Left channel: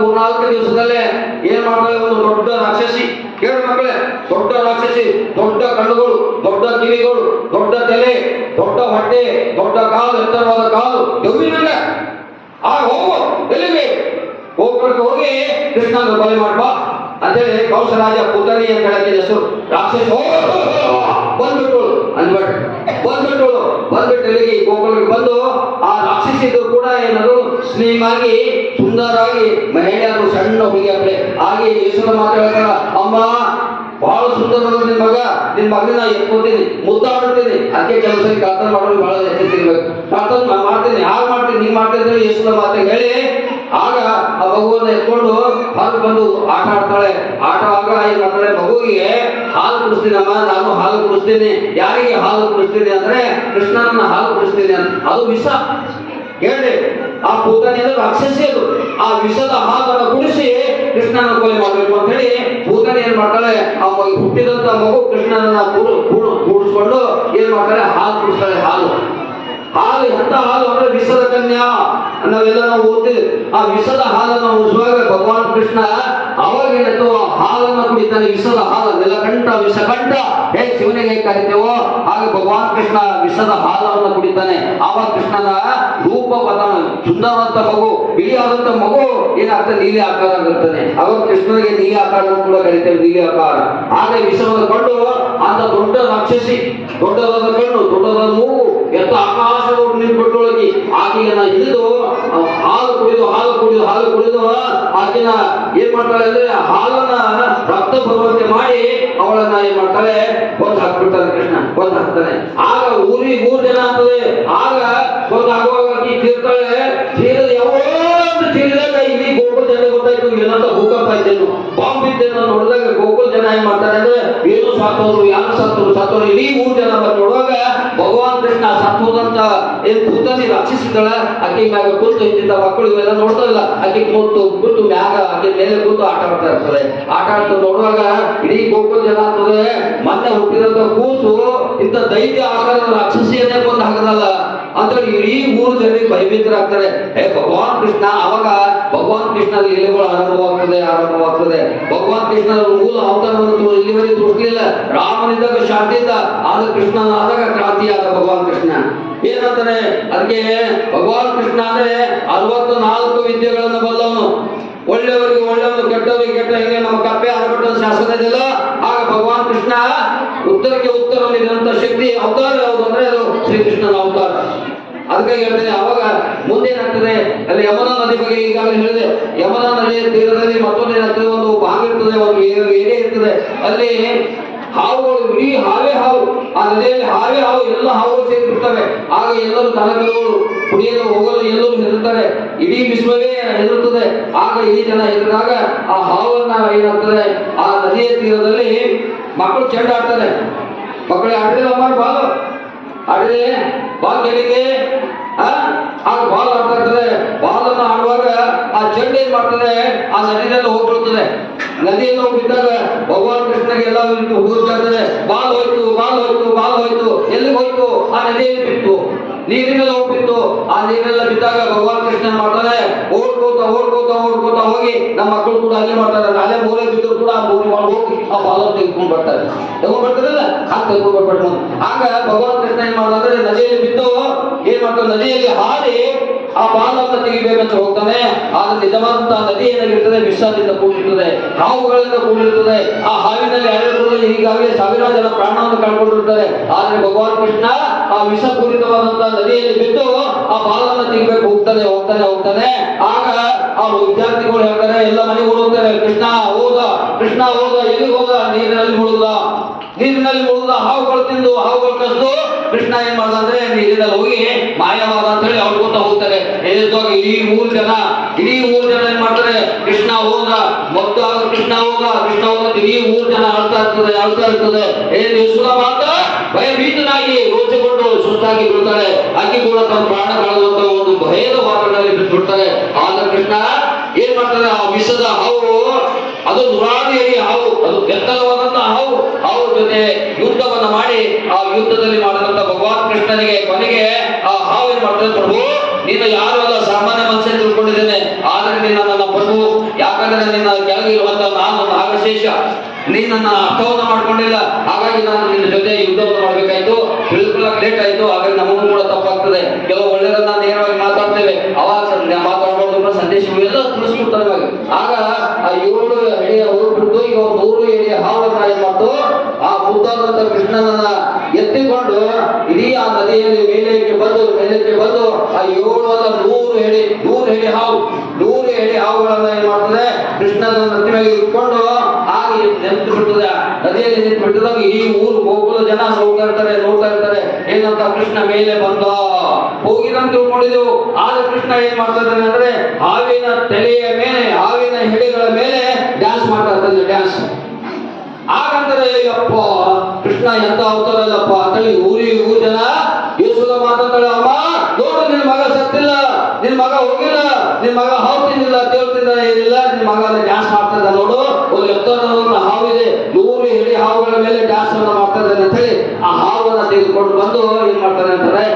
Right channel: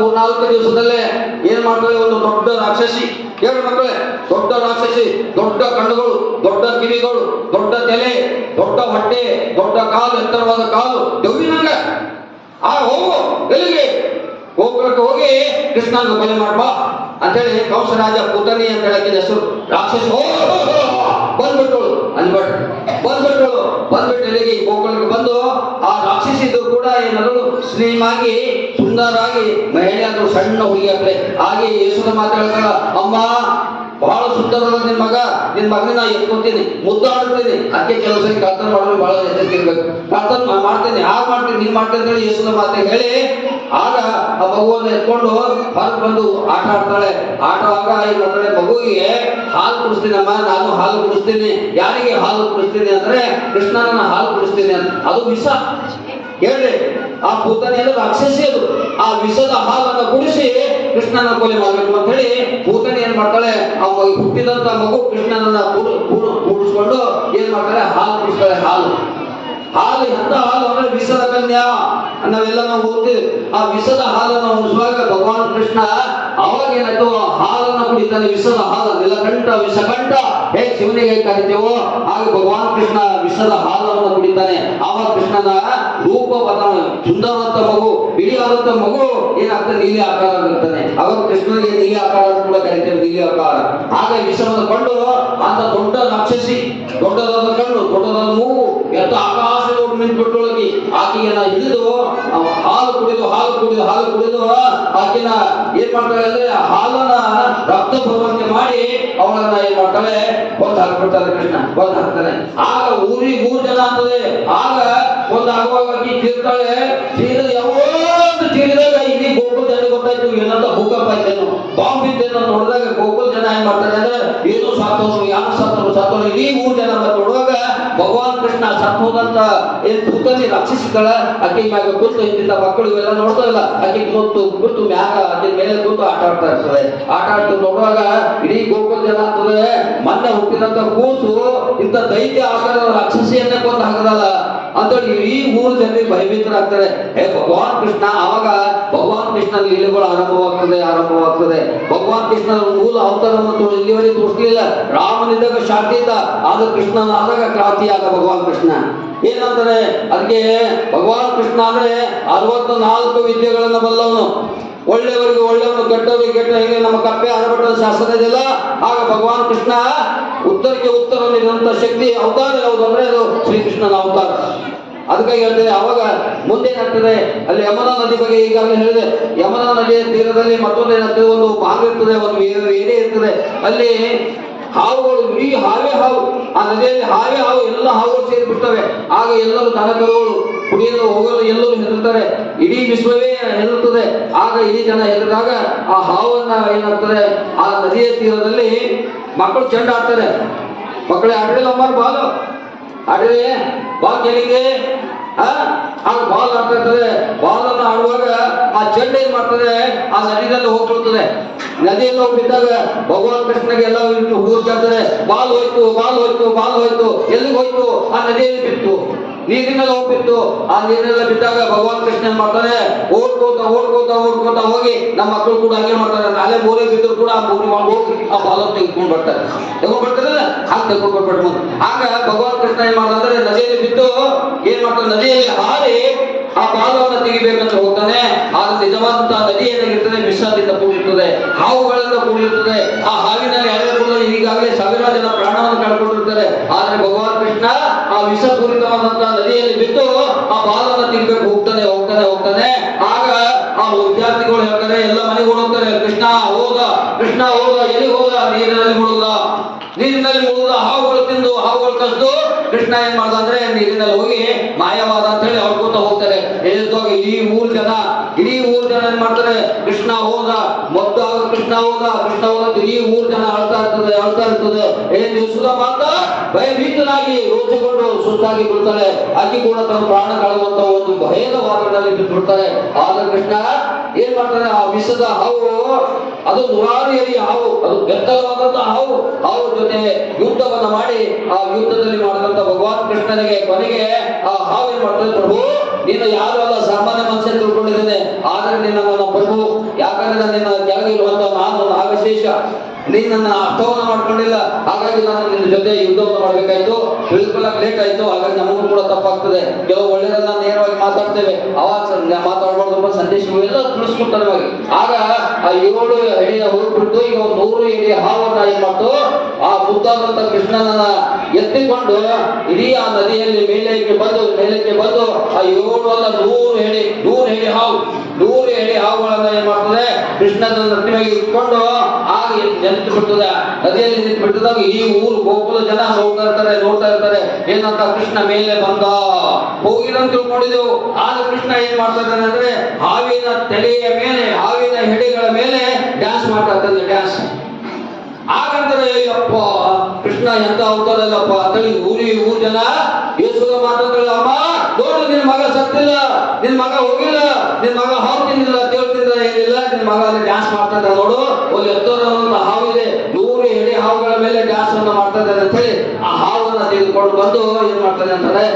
ಮೂರ್ನಾಲ್ಕು ದಿವಸದಲ್ಲೇ ಏನ್ ಮಾಡ್ತಾಳೆ ಒಂದು ದೊಡ್ಡ ರಾಕ್ಷಸಿ. ಕೇಳು ಮಕ್ಕಳೇ, ದೊಡ್ಡ ರಾಕ್ಷಸಿ, ದೊಡ್ಡ ಕಣ್ಣುಗಳು, ದೊಡ್ಡ ಕಿವಿಗಳು, ದೊಡ್ಡ ತಲೆ, ದೊಡ್ಡ ಹೊಟ್ಟೆ, ದೊಡ್ಡ ಕಾಲು, ಎತ್ತರವಾದ ಕಾಲು ದೆವ್ವಿನಂಗ ಆ ಹೋಗು, ಎಲ್ಲಿಗೆ? ಗೋಕುಲಕ್ಕೆ ಹೋಗಿ ಕೃಷ್ಣನ ಕೊಲೆ ಮಾಡ್ಬಾ ಅಂತೇಳಿ ಕೌಶರಾಜ ಪುತನಿ ಅಂತ ಹೇಳಕ್ಕೆ ಹೆಸರು. ರಾಕ್ಷಸ ಬಂದ್ಬಿಟ್ಟಳು ಅನ್ಬಟ್ ಬಂದ್ಬಿಟ್ಟಳು ಬಂದ್ಬಿಟ್ಟು ಎಲ್ಲಿಗೆ? ಗೋಕುಲಕ್ಕೆ ಬಂದು ಆ ರಾಕ್ಷಸಿದ್ರು ಕೂಡ ಏನಾದ್ರು ಆಗಿ ಸುಂದರಾಗಿ, ಮಹಿಳೆಯರು, ಸಣ್ಣ ಹುಡುಗಿಯಾದ್ರೆ ಹಾಗೆ ಯೇಸುನ ಮಾತಾಡ್ತಾರ ಅಮ್ಮ, ಬಹಳ ಸುಂದರವಾದ ನಿನ್ ಮಗ, ನಿನ್ ಮಗನ ಎತ್ಕೊತೀನಿ, ಮುದ್ದಾಡ್ತೀನಿ. ಅದಕ್ಕೆ ಕೆಲಸ ಕಳ್ತನ ಮಾಡೋದು ಬಹಳ ಎಚ್ಚರಿರ್ಬೇಕು ಕಳ್ತನ ಮಾಡ್ತೀನಿ. ಯಾರು ಮಾಡ್ತೀನಿ, ನೀನ್ ಹೇಳಿ ಯೇಸುನ ಮಾತಿಗೆ ಹೇಳಿ, ಆಗ ಆ ಮಗುವನ್ನು ಎತ್ಕೊಂಡು ಹೊರಗೆ ಬಂದು ಆಟ ಆಡ್ತಾಳೆ. ಆಟವಾಗ ಏನ್ ಮಾಡ್ತಾಳೆ? ಮಗುವಿಗೆ ಹಾಲು ಕುಡಿಸ್ತೀನಮ್ಮ ನಾನು ಹಾಲು ಕುಡಿಸ್ತೀನಿ. ಯಾರಿಗೆ ಹಾಲು ಕುಡಿಸ್ತೀನಿ ಅಂದ್ರೆ ಕೃಷ್ಣನನ್ನ ಹಾಲು ಕುಡಿಸ್ತೀನಿ ಅಂತ. ಅದು ಮಿಸ್ ಹೇಳಿ. ಕೃಷ್ಣನ ಕೊಲೆ ಮಾಡಬೇಕು ಅಂತ ಹೇಳಿ ಭೂತನ ಏನ್ ಮಾಡ್ತಾಳೆ? ಅವ ಹುಟ್ಟಿದಂತ ಮಗು ಕೃಷ್ಣನನ್ನ ಕೂಡು ಕೂಡು ಕೂಡಿಸ್ಕೊಂಡು ಏನ್ ಮಾಡ್ತಾಳೆ? ಹಾಲು ಕುಡಿಸ್ತಾಳೆ, ಹಾಲು. ಹಾಲು ಎಂತ ಹಾಲು ಅಂದ್ರೆ ವಿಷದ ಕನ್ಯಾ ನಾವೆಲ್ಲ ನಾವು ಆ ವಿಷದ ಹಾಲನ್ನು ಉಳಿಸುವಾಗ ಭಗವಾನ್ ಕೃಷ್ಣ ಅವಾಗ ಏನಾಯ್ತು? ಆ ಹಾಲನ್ನು ಕುಡಿತಾನೆ. ವಿಷದ ಹಾಲು ವಿಷ ವಿಷಕಂಠ. ಹೇ ಶಿವನಿಗೆ ಕರಿತೇವೋ ಹಾಗೆ ಭಗವಾನ್ ಕೃಷ್ಣ ವಿಷದ ಹಾಲವನ್ನು ಕುಡಿತಾನೆ. ಆವಾಗ ಕೃಷ್ಣನ ರೂಪ ಬದಲಾವಣೆ ಸುಂದರವಾದ ಮಗು ಇಳಿಯಾದಂತ ಮಗು ಏನಾಗ್ತದೆ ನೀಲಿ ಆಕಾರ ಆಗಿರ್ತಾನೆ ಅವಾಗ ಕೃಷ್ಣನಿಗೆ ನೀಲಿ ಆಕಾರ ಕರಿತೇವೆ ನೀಲಿ ಆಕಾರ. ಆಗ ವಿಷವನ್ನು ಕಂಡು ಅಂತ ದೊಡ್ಡ ರಾಕ್ಷಸಿ ದೊಡ್ಡದಾದ ಕಣ್ಣು ದೊಡ್ಡದಾದ ಮೂಗು, ಎತ್ತ ಆಕಾಶ ನೋಡಿ ನಿಂತ್ಬಿಟ್ಟೊಳಗಿ ಆಕೆಯನ್ನ ಹಿಡಿದು ಹಾಲು ಕುಡಿದು ಹಾಲು ಕುಡಿದು ಹಾಲು ಕುಡಿದು ಆಕೆನ ಏನ್ ಮಾಡ್ತಾಳೆ ಅಂದ್ರೆ ಹಾಲನ್ನ ರಕ್ತ ಬರುವಂತೆ ಮಾಡಿ ಅವಳನ್ನ ಏನ್ ಮಾಡ್ತಾಳೆ? ಬಂದ್ ಹಾಕ್ಬಿಡ್ತಾರೆ ಕೃಷ್ಣ ಕೊಂದು ಹಾಕ್ತಾನೆ ಆಗ ಊರಿ ಮೂರ್ ಜನ ಆಗ್ತದೆ. ಆಗ ಸತ್ತೋರು ಮೂರು ಜನ ನೋಡುವಾಗ ಭಗವಾನ್ ಕೃಷ್ಣ ಸತ್ತೋದಂತ ಏನ್ ಪುತನಿ ರಕ್ಷಿಸಿದಳ. ಆಕೆ ಮ್ಯಾಗ ಕೂತು ಇದ್ದಿದ್ದ ಮಕ್ಕಳು ಇವೆಲ್ಲ ನೋಡ್ತಾ ಇಲ್ಲ. ಆಕೆ ಕೂತು ಕೂತು ಮ್ಯಾಗ ಆಕೆ ಮೇಲೆ ಕೂತು ಆಟ ಆಡ್ತಾ ಇರ್ತದೆ. ಆಟ ಆಡ್ತು ನೋಡುವಾಗ ಇಡೀ ಗೋಕುಲ ಜನ ಆಗ್ತದೆ ಮೊನ್ನೆ ಹುಟ್ಟಿದಂತ ಕೂತು ಇಂಥ ದೈತ್ಯ ಆಕಾರದ ರಾಕ್ಷಸಿಯನ್ನೇ ಕೊಂದು ಹಾಕದಲ್ಲ. ಅಂತೇಳಿ ಇಡೀ ಮೂರು ಜನರಿಗೆ ಭಯಭೀತರಾಗ್ತಾರೆ. ಭಗವಾನ್ ಕೃಷ್ಣ ಅವಾಗ ಭಗವಾನ್ ಕೃಷ್ಣನ ಲೀಲೆಗಳು ಆರಂಭವಾಗ್ತದೆ ಆರಂಭವಾಗ್ತದೆ. ಭಗವಾನ್ ಕೃಷ್ಣನ ಮೂಲ ಅವತಾರವನ್ನು ಇಲ್ಲಿವರೆಗೆ ತೋರಿಸಲಿಲ್ಲ. ರಾಮನಿದ್ದಾಗ ಶಾಂತಿ ಇದ್ದ, ಆದ್ರೆ ಕೃಷ್ಣನ ಆದಾಗ ಕ್ರಾಂತಿಯಾದ ಭಗವಾನ್ ಕೃಷ್ಣ. ಏನಂತಾರೆ ಅದಕ್ಕೆ ಭಗವಾನ್ ಕೃಷ್ಣ ಅಂದ್ರೆ ಅರವತ್ತು ನಾಲ್ಕು ವಿದ್ಯೆಗಳನ್ನ ಬಲ್ಲವನು. ಒಳ್ಳೆಯವರಿಗೆ ಒಳ್ಳೆಯವನು, ಕೆಟ್ಟವರಿಗೆ ಕೆಟ್ಟ, ಹೇಗೆ ನಮ್ಮ ಕಪ್ಪೆ ಆರಭಟ್ಟದ ಶಾಸ್ತ್ರ ಇದೆಯಲ್ಲ? ಆಗ ಭಗವಾನ್ ಕೃಷ್ಣ ಉತ್ತರಕ್ಕೆ ಉತ್ತರ ನೀಡಿದಂತ ಶಕ್ತಿ, ಅವತಾರ ಯಾವುದು ಅಂದ್ರೆ ಅದು ಶ್ರೀಕೃಷ್ಣನ ಅವತಾರ. ಅದಕ್ಕಾಗಿ ಹೇಳ್ತೇನೆ ಅವಾಗ ಮುಂದೇನಾಗ್ತದೆ ಅಲ್ಲಿ ಯಮುನಾ ನದಿ ಬಗ್ಗೆ ಈಗಾಗಲೇ ಹೇಳಿದೆ. ಯಮುನಾ ನದಿಯ ತೀರದಲ್ಲಿ ಮತ್ತೊಂದು ಏನಾಗ್ತದೆ? ಒಂದು ಬಾವಿ ಇರ್ತದೆ. ಒಂದು ಏನೇ ಇರ್ತದೆ. ಅಲ್ಲಿ ಹಾವುಗಳು, ಇಡೀ ಹಾವೇ ಹಾವು. ಆ ನದಿಯಲ್ಲಿ ಹಾವೇ ಹಾವು, ಎಲ್ಲ ಹಾವುಗಳು ಸೇರಿ ಬಿಡ್ತವೆ ಆಗ ಎಲ್ಲರೂ ತನಕಗಳು ಕುಡಿಯಲು, ಹೋಗಲು ಎಲ್ಲರೂ ಹೆದರ್ತಾರೆ. ಇಡೀ ವಿಶ್ವವೇ ಹೆದರುತ್ತದೆ. ಆಗ ಇಡೀ ಜನ ಹೆದರಿದಾಗ ಆ ಹಾವನ್ನ ಏನಾಗ್ತದೆ? ಆ ನದಿಯ ತೀರದಲ್ಲಿ ಮಕ್ಕಳು ಚೆಂಡ ಆಡ್ತಾರೆ ಮಕ್ಕಳೇ ಆಡಿದ್ರೆ ಅಮ್ಮ, ಬಾಲು. ಆಡಿದ್ರೆ ಗೆಲ್ಲಿಗೆ ಆ ಆಗ ಬಾಲ್ ಆಡ್ತಾ ಇರ್ತದೆ ಬಾಲ್ ಅನ್ನು ಆಡುವಾಗ ಆ ಚೆಂಡು ಏನ್ ಮಾಡ್ತದೆ? ಆ ನದಿನಲ್ಲಿ ಹೋಗ್ಬಿಡ್ತದೆ. ನದಿಯಲ್ಲಿ ಹೋಗ್ಬಿಟ್ಟಾಗ ಭಗವಾನ್ ಕೃಷ್ಣಗೆ ಎಲ್ಲ ಹುಡುಗರು ಕೇಳ್ತಾರೆ, ಬಾಲ್ ಹೋಯ್ತು ಬಾಲ್ ಹೋಯ್ತು ಬಾಲ್ ಹೋಯ್ತು, ಎಲ್ಲಿಗೆ ಹೋಯ್ತು? ಆ ನದಿಯಲ್ಲಿ ಬಿತ್ತು. ನೀರಿನಲ್ಲಿ ಹೋಗ್ಬಿತ್ತು ಆ ನೀರೆಲ್ಲ ಬಿದ್ದಾಗ ಭಗವಾನ್ ಕೃಷ್ಣ ಮಾಡ್ತಾರೆ? ಓಡ್ಕೋತ ಓಡ್ಕೋತ ಓಡ್ಕೋತ ಹೋಗಿ ನಮ್ಮ ಮಕ್ಕಳು ಕೂಡ ಹಾಗೆ ಮಾಡ್ತಾರೆ. ಅಲ್ಲೇ ಮೂರೇ ಬಿದ್ದು ಕೂಡ ಆ ಮೂರಿ ಒಳಗೆ ಹೋಗಿ ಆ ಬಾಲ ತೆಗೆದುಕೊಂಡು ಬರ್ತಾರೆ. ತಗೊಂಡ್ ಬರ್ತಾರಲ್ಲ? ಹಾಗೆ ತೆಗೆದುಕೊಂಡು ಬರ್ಬೇಕು ಆಗ ಭಗವಾನ್ ಕೃಷ್ಣ ಏನ್ ಮಾಡ್ತಾರೆ? ನದಿಯಲ್ಲಿ ಬಿದ್ದು ಏನ್ ಮಾಡ್ತಾರೆ? ನದಿಯಲ್ಲಿ ಹಾರಿ ಆ ಬಾಲವನ್ನು ತೆಗಿಬೇಕಂತ ಹೋಗ್ತಾನೆ, ಆದ್ರೆ ನಿಜವಾದಂತ ನದಿ ಏನಾಗಿರ್ತದೆ? ವಿಷದಿಂದ ಕೂಡಿರ್ತದೆ. ಹಾವುಗಳಿಂದ ಕೂಡಿರ್ತದೆ. ಆ ಹಾವಿನಲ್ಲಿ ಅಳೆಯಬಹುದು ಈಗಾಗಲೇ ಸಾವಿರ ಜನ ಪ್ರಾಣವನ್ನು ಕಳ್ಕೊಂಡಿರ್ತಾರೆ. ಆದ್ರೆ ಭಗವಾನ್ ಕೃಷ್ಣ ಆ ವಿಷಪೂರಿತವಾದಂತಹ ನದಿಯಲ್ಲಿ ಬಿದ್ದು ಆ ಬಾಲವನ್ನು ತೆಗಿಬೇಕು ಹೋಗ್ತಾನೆ ಹೋಗ್ತಾನೆ ಹೋಗ್ತಾನೆ. ಆಗ ಆ ವಿದ್ಯಾರ್ಥಿಗಳು ಹೇಳ್ತಾರೆ, ಎಲ್ಲ ಮನೆಗೆ ಹೋಗ್ತಾರೆ ಕೃಷ್ಣ ಹೋದ ಕೃಷ್ಣ ಹೋದ ಎಲ್ಲಿ ಹೋದ? ನೀರಿನಲ್ಲಿ ಮುಳುಗದ. ನೀರಿನಲ್ಲಿ ಮುಳುಗದ, ಹಾವುಗಳು ತಿಂದು, ಹಾವುಗಳು ಕಸ್ದು. ಕೃಷ್ಣ ಏನ್ ಮಾಡ್ದ ನೀರಿನಲ್ಲಿ ಹೋಗಿ ಮಾಯವಾದ ಅಂತ ಹೇಳಿ ಅವ್ರು ಹೋಗ್ತಾರೆ ಇಡೀ ಮೂರು ಜನ, ಇಡೀ ಮೂರು ಜನ ಏನ್ ಮಾಡ್ತಾರೆ? ಕೃಷ್ಣ ಹೋದ ಮೊತ್ತ ಕೃಷ್ಣ ಹೋದ ಕೃಷ್ಣ ಹೋದ ಇಡೀ ಮೂರು ಜನ ಆಳ್ತಾ ಇರ್ತದೆ ಆಳ್ತಾ ಇರ್ತದೆ. ಏನು ಸುಧ ಮಾತ್ರ ಭಯಭೀತನಾಗಿ ರೋಚಿಕೊಂಡು ಸುಸ್ತಾಗಿ ಬಿಡ್ತಾರೆ. ಅಕ್ಕಿ ಕೂಡ ತನ್ನ ಪ್ರಾಣ ಕಳೆದಂತ ಒಂದು ಭಯದ ವಾತಾವರಣದಲ್ಲಿ ಬಿಟ್ಟು ಬಿಡ್ತಾರೆ ಆಗ ಕೃಷ್ಣ ಏನ್ ಮಾಡ್ತಾರೆ? ಆ ವಿಷದ ಹಾವು, ಅದು ಎಡಿ ಹಾವು, ಅದು ಬೆತ್ತಲವಾದಂತಹ ಹಾವು ಹಾವು ಜೊತೆ ಯುದ್ಧವನ್ನ ಮಾಡಿ ಆ ಯುದ್ಧದಲ್ಲಿ ಮಾಡಿದಂತ ಭಗವಾನ್ ಕೃಷ್ಣನಿಗೆ ಕೊನೆಗೆ ಆ ಹಾವು ಏನ್ ಮಾಡ್ತದೆ ಪ್ರಭು, ನೀನು ಯಾರು ಅಲ್ಲ ಸಾಮಾನ್ಯ ಮನುಷ್ಯ ತಿಳ್ಕೊಂಡಿದ್ದೇನೆ. ಆದ್ರೆ ನಿನ್ನ ನನ್ನ ಪ್ರಭು. ಯಾಕಂದ್ರೆ ನಿನ್ನ ಕೆಳಗಿರುವಂತ ನಾನು ನಾಗಶೇಷ ನೀನ್ ನನ್ನ ಅರ್ಥವನ್ನ ಮಾಡ್ಕೊಂಡಿಲ್ಲ. ಹಾಗಾಗಿ ನಾನು ನಿನ್ನ ಜೊತೆ ಯುದ್ಧವನ್ನು ಮಾಡ್ಬೇಕಾಯ್ತು. ತಿಳ್ಕೊಳ್ಳಕ್ ಲೇಟ್ ಆಯ್ತು. ಹಾಗಾಗಿ ನಮಗೂ ಕೂಡ ತಪ್ಪಾಗ್ತದೆ. ಕೆಲವು ಒಳ್ಳೆಯದನ್ನ ನೇರವಾಗಿ ಮಾತಾಡ್ತೇವೆ. ಅವಾಗ ಮಾತಾಡ ಸಂದೇಶ ಎಲ್ಲ ತಿಳಿಸ್ಕೊಡ್ತಾರೆ ಇವಾಗ. ಆಗ ಆ ಏಳು ಊರು ಬಿಟ್ಟು ಈಗ ಒಂದು ನೂರು ಎಡಿ ಹಾವನ್ನ ಏನ್ ಮಾಡ್ತು? ಆ ಬುದ್ಧನಂತ ಕೃಷ್ಣನನ್ನ ಎತ್ತಿಕೊಂಡು ಇಡೀ ಆ ನದಿಯಲ್ಲಿ ಮೇಲಕ್ಕೆ ಬಂದು ಮೇಲಕ್ಕೆ ಬಂದು ಆ ಏಳು ಅಲ್ಲ ನೂರು ಹೇಳಿ ನೂರು ಹೇಳಿ ಹಾವು, ನೂರು ಹೇಳಿ ಹಾವುಗಳನ್ನ ಏನ್ ಮಾಡ್ತದೆ? ಕೃಷ್ಣನ ಮೇಲೆ ಇಟ್ಕೊಂಡು ಆಗ ನಿಂತು ಬಿಡ್ತದೆ. ನದಿಯಲ್ಲಿ ನಿಂತು ಬಿಟ್ಟದಾಗ ಈ ಊರು ಗೋಕುಲ ಜನ ಹೋಗ್ತಾ ಇರ್ತಾರೆ, ನೋಡ್ತಾ ಇರ್ತಾರೆ. ಏನಂತ ಕೃಷ್ಣ ಮೇಲೆ ಬಂದ. ಹೋಗಿರಂತ ತಿಳ್ಕೊಂಡಿದ್ದೆವು ಆದ್ರೆ ಕೃಷ್ಣ ಏನ್ ಮಾಡ್ತಾ ಇದ್ದಾನೆ ಅಂದ್ರೆ ಹಾವಿನ ತಲೆಯ ಮೇಲೆ, ಹಾವಿನ ಹೆಡೆಗಳ ಮೇಲೆ ಡ್ಯಾನ್ಸ್ ಮಾಡ್ತಾ ಇದ್ದಾನೆ ಡ್ಯಾನ್ಸ್ ಹಾಗಂದ್ರೆ ಅಯ್ಯಪ್ಪ, ಕೃಷ್ಣ ಎಂತ ಅವತಾರಲ್ಲಪ್ಪ ಅಂತೇಳಿ ಊರಿ ಊರ್ ಜನ, ಯೇಸುದ ಮಾತಾಡ್ತಾಳೆ ಅಮ್ಮ, ನೋಡು, ನಿನ್ ಮಗ ಸತ್ತಿಲ್ಲ. ನಿನ್ ಮಗ ಹೋಗಿಲ್ಲ. ನಿನ್ ಮಗ ಹಾವು ತಿಂದಿಲ್ಲ ದೇವ್ರ ತಿಂದ ಏನಿಲ್ಲ. ನಿನ್ ಮಗ ಅಲ್ಲಿ ಡ್ಯಾನ್ಸ್ ಮಾಡ್ತಾ ಇದ್ದ ನೋಡು. ಒಂದು ಎತ್ತರವಾದ ಹಾವಿದೆ. ನೂರು ಹೆಡಿ ಹಾವುಗಳ ಮೇಲೆ ಡ್ಯಾನ್ಸ್ ಅನ್ನ ಮಾಡ್ತಾ ಇದ್ದಾನೆ ಅಂತ ಹೇಳಿ, ಆ ಹಾವನ್ನ ತೆಗೆದುಕೊಂಡು ಬಂದು ಏನ್ ಮಾಡ್ತಾನೆ ಅಂತಾರೆ